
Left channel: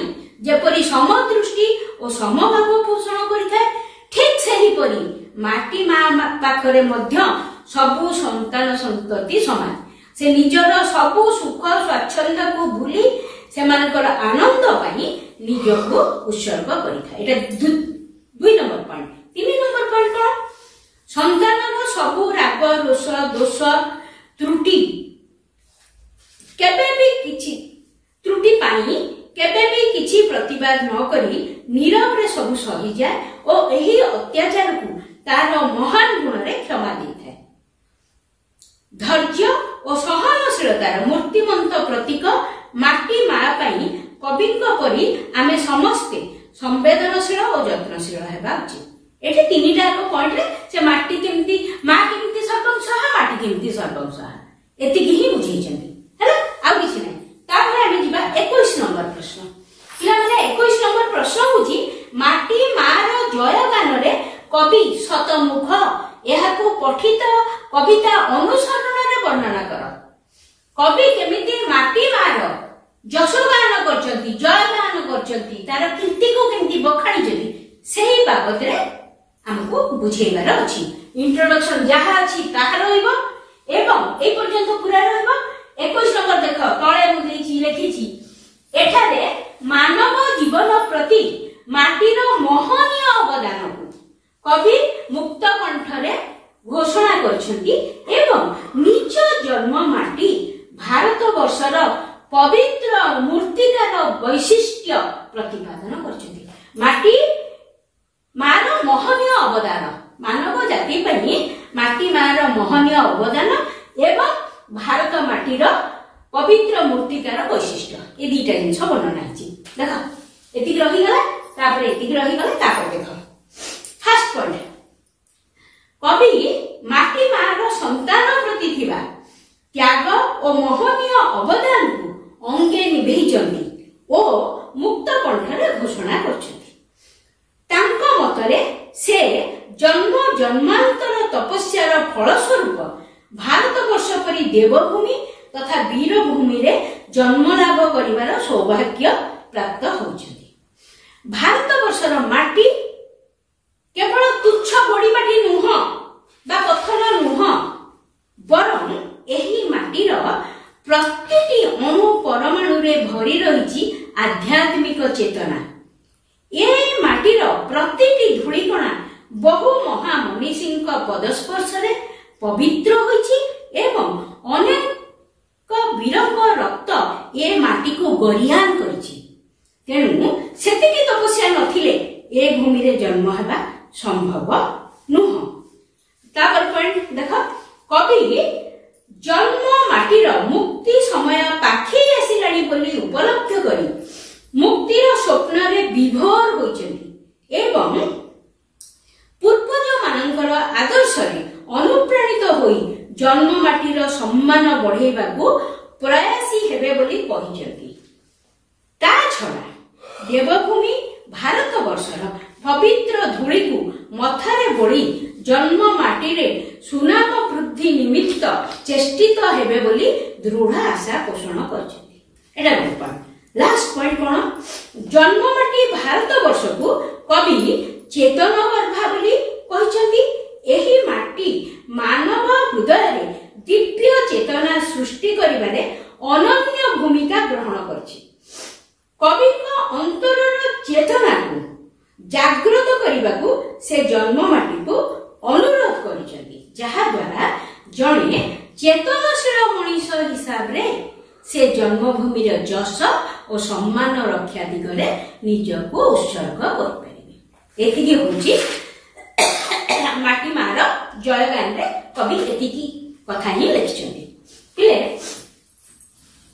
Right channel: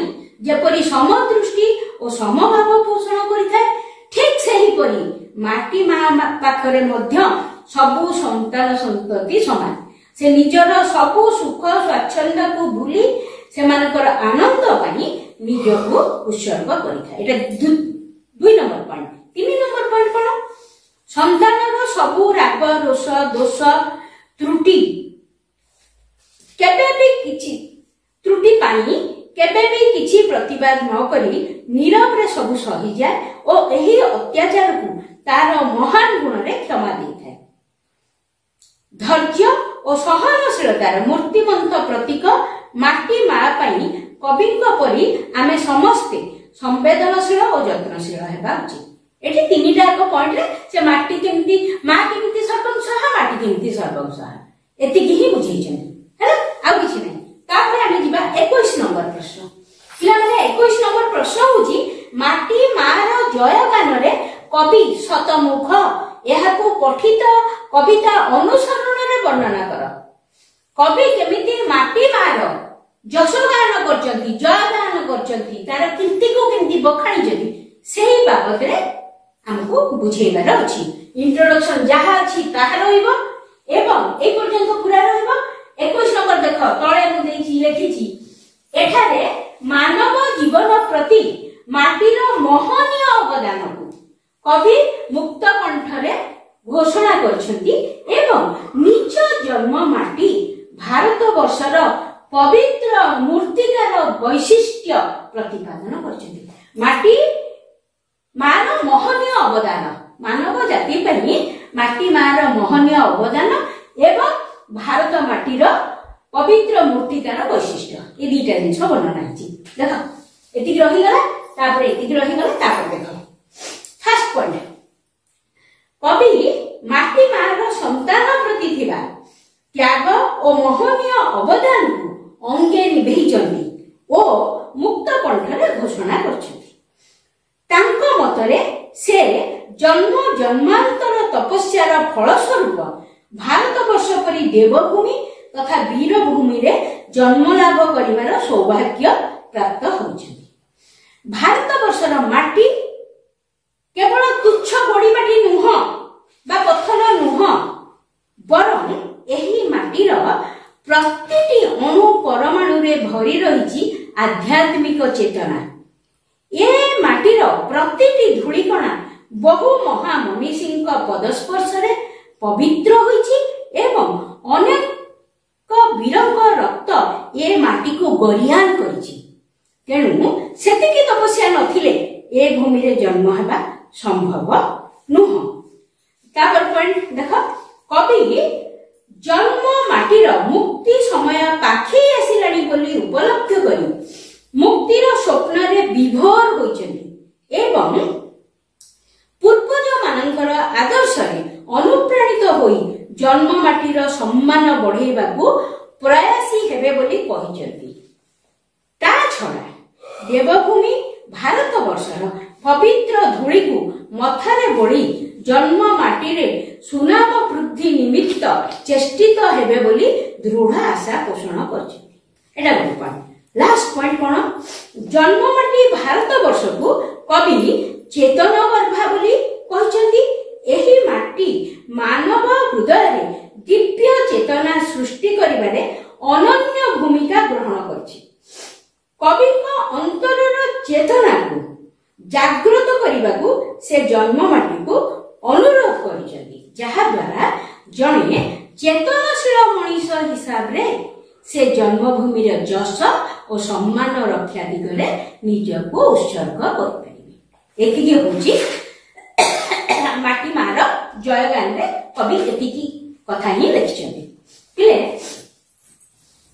जेपरी समदृष्टि और समभाव पोषण करिथाए ठीक सही परी माटी मा पाखरे मध्य सबु संतान संतति समान से निजर सबु सुख स्वाच्छंद को भूली सेमानकर आनंद पाई निजको उत्सर्ग करिथाए एटा 2 नंबर पॉइंट 3 नंबर पॉइंट कोन संतानर सबु राग रोष दोष त्रुटि केबे भी किछि त्रुटि पाई केबे भी किछि प्रतिवाद न करी नीरव रे सब सही जाए और एही अत्याचार को तार महान गुण रे क्षमा देथाय धैर्य और सहनशीलतार मूर्तिमंत प्रतीक माटी मा पाई कविंक परी आमे समस्ते संवेदनशील और यत्नशील हेबा उचित एठी तीनिटा एक पॉइंट रे से माटी केमती मा केमती सर्वंसहा माटी केमती सर्वंसहा एति की ही बुझीचंती हैला आ किछि नै तापर आमे जिबा 21 नंबर प्रश्न पिला माने 21 नंबर प्रश्न होची माटी मार जय गान रे कवि शतमुख एहाको पठित कविता अनुसरण रे वर्णना कर कवि केमिति माटी मार जशगान करचंती जयगान करचंती तार कीर्ति को केमिति बखाणी जदी सेही बाबत रे हमको बुझेबार अछि इंट्रोडक्शन जहा अछि ताहा रहइबो एवं ए पर्यंत पूरा रहइबो 21 नंबर देखो तळे मु देछि लेखिछि एठारे ମାନବ ଜୀବନ ପ୍ରତି ମାଟିର ମହନୀୟ ଅବଦାନକୁ କବି ମୁକ୍ତ କଣ୍ଠରେ ଘୋଷଣା କରିଛନ୍ତି ଏବଂ ନିଜ ଜନ୍ମ ମାଟି ଭାରତ ବର୍ଷର ପବିତ୍ର ମୂର୍ତ୍ତିକାର ବୈଶିଷ୍ଟ୍ୟ ପ୍ରତିପାଦନ କରିଛନ୍ତି। ମାଟି ମାର ମହନୀୟ ଅବଦାନ, ମାନବ ଜାତି ପାଇଁ ମାଟି ମାର ମହନୀୟ ଅବଦାନ ଏବଂ ଭାରତ ମାଟିର ପବିତ୍ର ମୂର୍ତ୍ତିକାର ବୈଶିଷ୍ଟ୍ୟ, ଏ ଦୁଇଟା ଜିନିଷ ବର୍ଣ୍ଣନା ହେଇଛି। ଦେଖ ଏତିକି ରହିଗଲା, ତାପରେ ଏତିକି ରହିଗଲା, ତାପରେ ଦେଖ ଫାର୍ଷ୍ଟ ପଏଣ୍ଟ, କବି ମାଟି ମାର ସନ୍ତାନ ପ୍ରତି ଥିବା ତ୍ୟାଗ ଓ ମହନୀୟ ଅବଦାନକୁ ଅଙ୍ଗେ ନିଭେଇଛନ୍ତି ଓ ମୁକ୍ତ କଣ୍ଠରେ ଘୋଷଣା କରିଛନ୍ତି। ତାଙ୍କ ମତରେ ସେ ଜନ୍ମ ଜନ୍ମାନ୍ତର ତପସ୍ୟାର ଫଳସ୍ୱରୂପ ଭାରତବର୍ଷ ପରି ଦେବଭୂମି ତଥା ବୀରଭୂମିରେ ଜନ୍ମ ଲାଭ କରିବାର ସୌଭାଗ୍ୟ ପ୍ରାପ୍ତ ହୋଇଛନ୍ତି। ଭାରତବର୍ଷର ମାଟି କେବଳ ତୁଚ୍ଛ ଗୋଡ଼ି ମାଟି ନୁହଁ ବା ପଥର ନୁହଁ, ବରଂ ଏହି ମାଟିର ପ୍ରତିଟି ଅଣୁ ପରମାଣୁରେ ଭରି ରହିଛି ଆଧ୍ୟାତ୍ମିକ ଚେତନା। ଏ ମାଟିର ପ୍ରତିଟି ଧୂଳିକଣା ବହୁ ମହାମନୀଷୀଙ୍କ ପଦସ୍ପର୍ଶରେ ପବିତ୍ର ହୋଇଛି ଏବଂ ଅନେକ ବୀରଙ୍କ ରକ୍ତ ଏ ମାଟିକୁ ଗରିହାନ କରିଛି। ତେଣୁ ସେତିକି ତପସ୍ୟା ନଥିଲେ ଏ ଭୂମିରେ ଜନ୍ମ ହେବା ସମ୍ଭବ ନୁହଁ। ତାପରେ ପଏଣ୍ଟ ଦେଖ, କବି ଜନ୍ମ ମାଟିର ମୁକ୍ତି ସମୟ ପାଖେଇ ଆସିଲାଣି ବୋଲି ଉପଲବ୍ଧ କରି ମୁକ୍ତିର ସ୍ୱପ୍ନରେ ବିଭୋର ହୋଇଛନ୍ତି ଏବଂ ପୂର୍ବଜ ମାନଙ୍କର ଆଦର୍ଶରେ ଅନୁପ୍ରାଣିତ ହୋଇ ଜନ୍ମ ମାଟିର ସମ୍ମାନ ବଢେଇବାକୁ ପ୍ରୟାସୀ ହେବେ ବୋଲି କହିଛନ୍ତି। ତା ଛଡା ଦେବଭୂମି ଭାରତବର୍ଷର ପବିତ୍ର ଧୂଳିକୁ ମଥାରେ ବୋଳି ଜନ୍ମ ମାଟିରେ ସୁନାମ ବୃଦ୍ଧି ନିମିତ୍ତ ଚେଷ୍ଟିତ ହେବେ ବୋଲି ଦୃଢ ଆଶା ପୋଷଣ କରିଛନ୍ତି। ଏଟା ଗୋଟେ ପଏଣ୍ଟ। ଲାଷ୍ଟ ପଏଣ୍ଟ କଣ, ଜନ୍ମ ମାଟି ଭାରତବର୍ଷକୁ କବି ଚେତନ ଗର୍ଭା ବୋଲି କହିଛନ୍ତି। ଏହି ମାଟି ମାନବ ହୃଦୟରେ ଦିବ୍ୟ ଚେତନା ସୃଷ୍ଟି କରିବାରେ ଅନନ୍ୟ ଭୂମିକା ଗ୍ରହଣ କରିଛି। କବିଙ୍କ ଅନ୍ତରର ଚେତନାକୁ ଜାଗ୍ରତ କରିବାକୁ ସେ ଜନ୍ମ ମାଟିକୁ ଅନୁରୋଧ କରିଛନ୍ତି, ଯାହାଦ୍ୱାରା ଜଣେ ଚେତନଶୀଳ ମଣିଷ ହିସାବରେ ସେ ଜନ୍ମଭୂମିର ଯଶ ଓ ସମ୍ମାନ ରକ୍ଷା ଦିଗରେ ନିଜକୁ ଉତ୍ସର୍ଗ କରିପାରିବେ। ଏତିକି ହଉଛି ମାଟି ମାର ଜୟଗାନରେ କବି ଏତିକି କଥା ହିଁ ଲେଖିଛନ୍ତି। ହେଲେ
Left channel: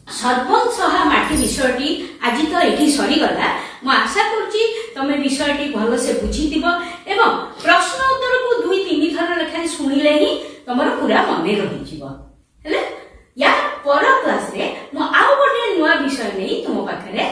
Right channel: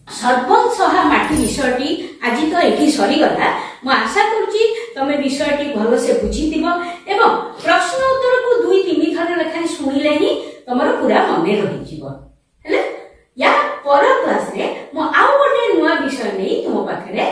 ସର୍ବଂସହା ମାଟି ବିଷୟଟି ଆଜି ତ ଏଠି ସରିଗଲା। ମୁଁ ଆଶା କରୁଛି ତମେ ବିଷୟଟି ଭଲସେ ବୁଝିଥିବ ଏବଂ ପ୍ରଶ୍ନ ଉତ୍ତରକୁ 2-3 ଥର ଲେଖାଏଁ ଶୁଣିଲେ ହିଁ ତମର ପୁରା ମନେ ରହିଯିବ। ହେଲେ ୟା ପର କ୍ଲାସରେ ମୁଁ ଆଉ ଗୋଟେ ନୂଆ ବିଷୟ ନେଇ ତୁମ ପାଖରେ